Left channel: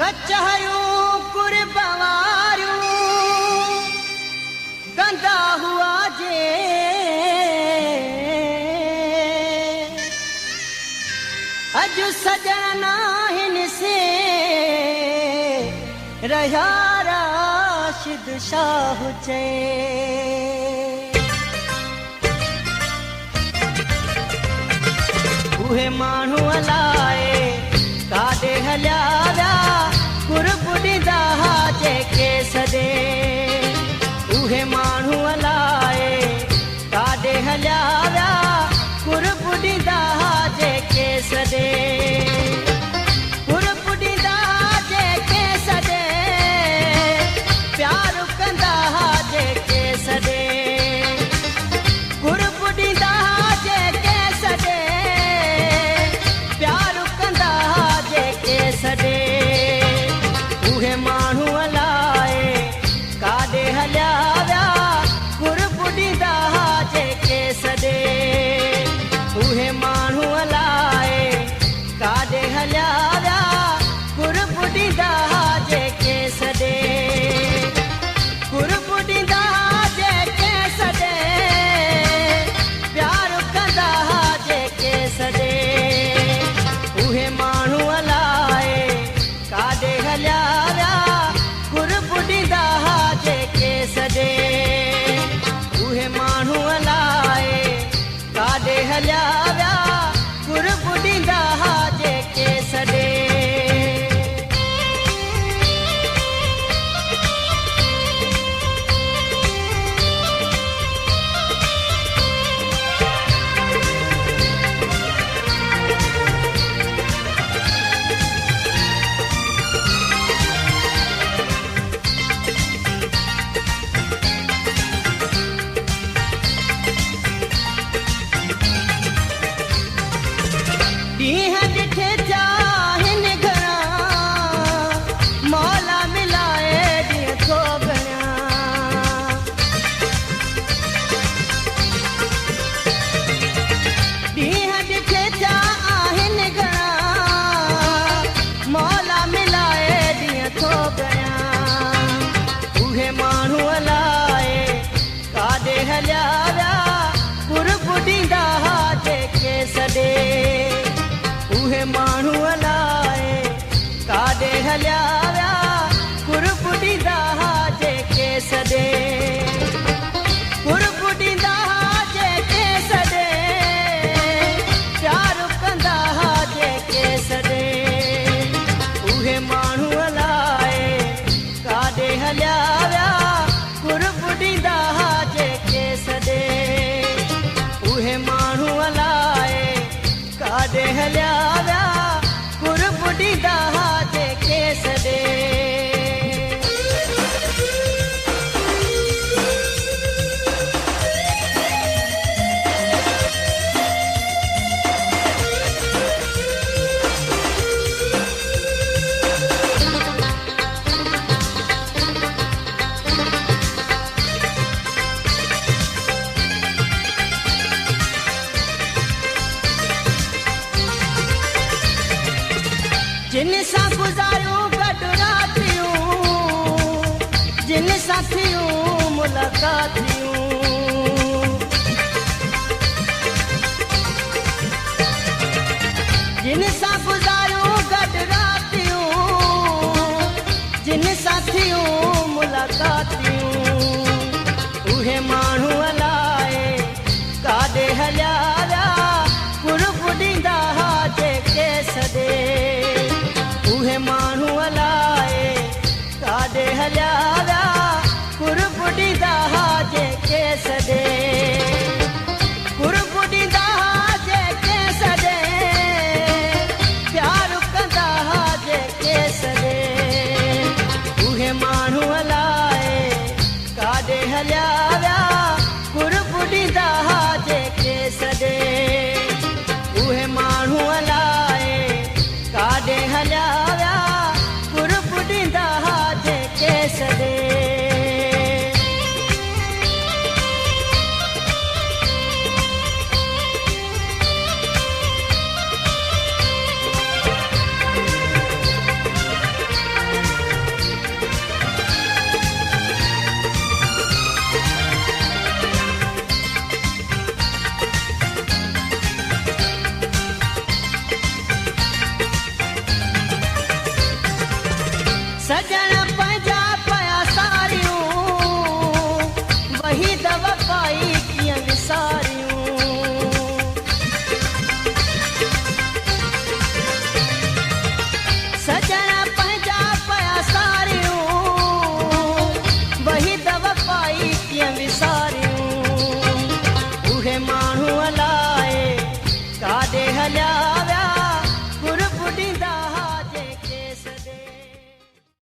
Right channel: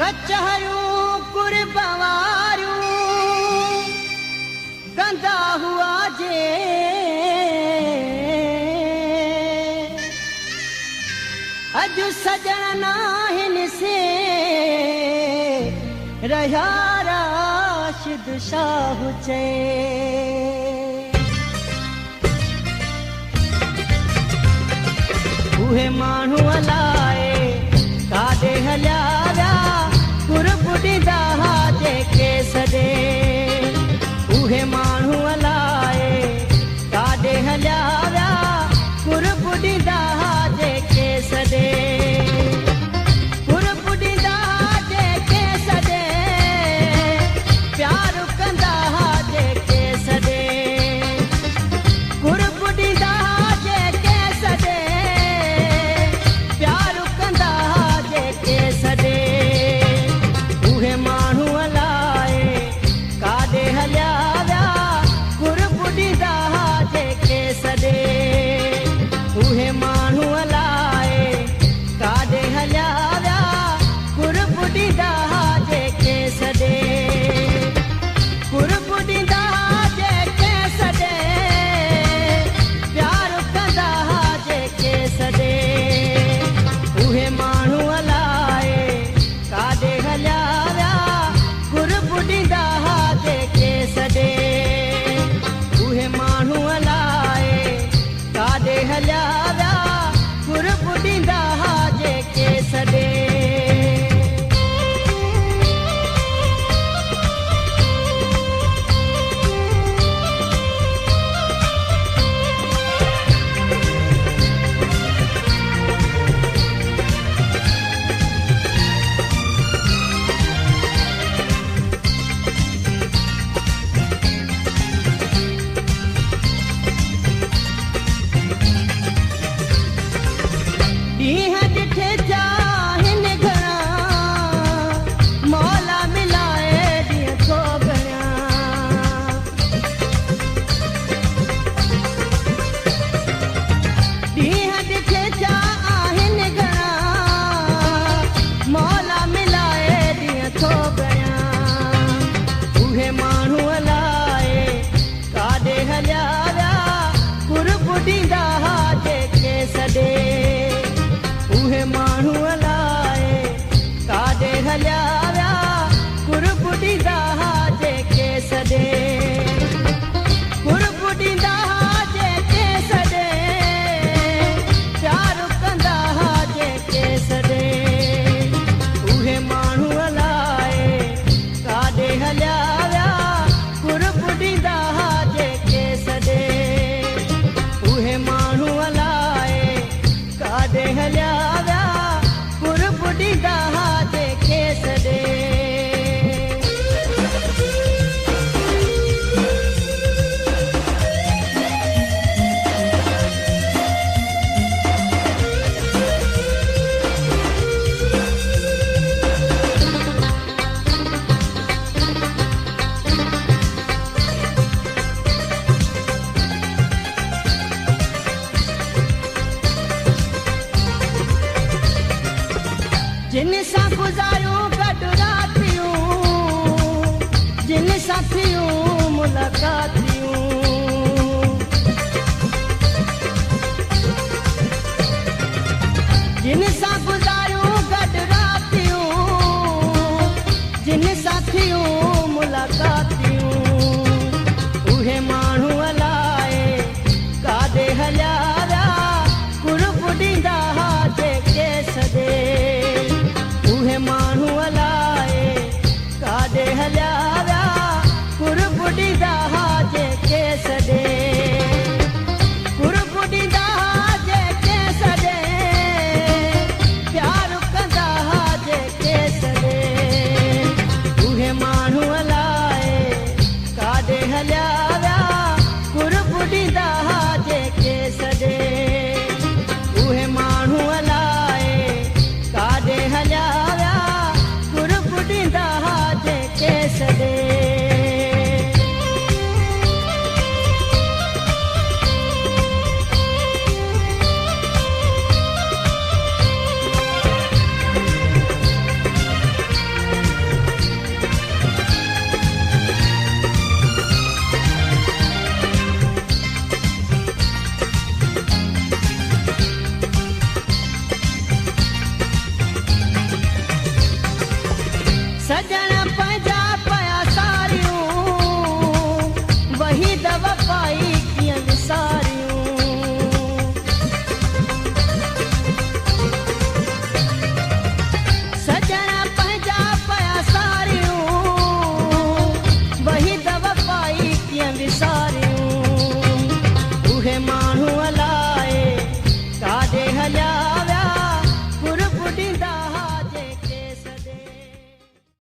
कचहरियूं कुर्बवारियूं कंदा हुआ जे अॼु सॼण आहिनि से रहिया राशिद शाह चए उहे माण्हू अलाए काॾे हलिया विया कुर्ब ॾींदा जेके सॾे उहे माण्हू अलाए काॾे हलिया विया कुर्ब ॾींदा जेके सॾे कुर्ब ॾींदा जेके सॾे प्यार कंदा जेके सॾे कुर्ब ॾींदा जेके सॾे प्यार कंदा जेके सॾे उहे माण्हू अलाए काॾे हलिया विया कुर्ब ॾींदा जेके सॾे उहे माण्हू अलाए काॾे हलिया विया कुर्ब ॾींदा जेके सॾे कुर्ब ॾींदा जेके सॾे प्यार कंदा जेके सॾे उहे माण्हू अलाए काॾे हलिया विया कुर्ब ॾींदा जेके सॾे उहे माण्हू अलाए काॾे हलिया विया कुर्ब ॾींदा जेके सॾे ॾींहं ॾिठे चाहिनि घणा मौला मिलाए ॾींहं थो घणा ॾींहं ॾिठे चाहिनि घणा मौला मिलाए ॾींहं थो घणा उहे माण्हू अलाए काॾे हलिया विया कुर्ब ॾींदा जेके सॾे उहे माण्हू अलाए काॾे हलिया विया कुर्ब ॾींदा जेके सॾे कुर्ब ॾींदा जेके सॾे प्यार कंदा जेके सॾे उहे माण्हू अलाए काॾे हलिया विया कुर्ब ॾींदा जेके सॾे उहे माण्हू अलाए काॾे हलिया विया कुर्ब ॾींदा जेके सॾे जिन सां गुज़ारियूं गॾु रातियूं जिन सां थियूं मुलाक़ातियूं जिन सां गुज़ारियूं गॾु रातियूं जिन सां थियूं मुलाक़ातियूं उहे माण्हू अलाए काॾे हलिया विया कुर्ब ॾींदा जेके सॾे उहे माण्हू अलाए काॾे हलिया विया कुर्ब ॾींदा जेके सॾे कुर्ब ॾींदा जेके सॾे प्यार कंदा जेके सॾे उहे माण्हू अलाए सजण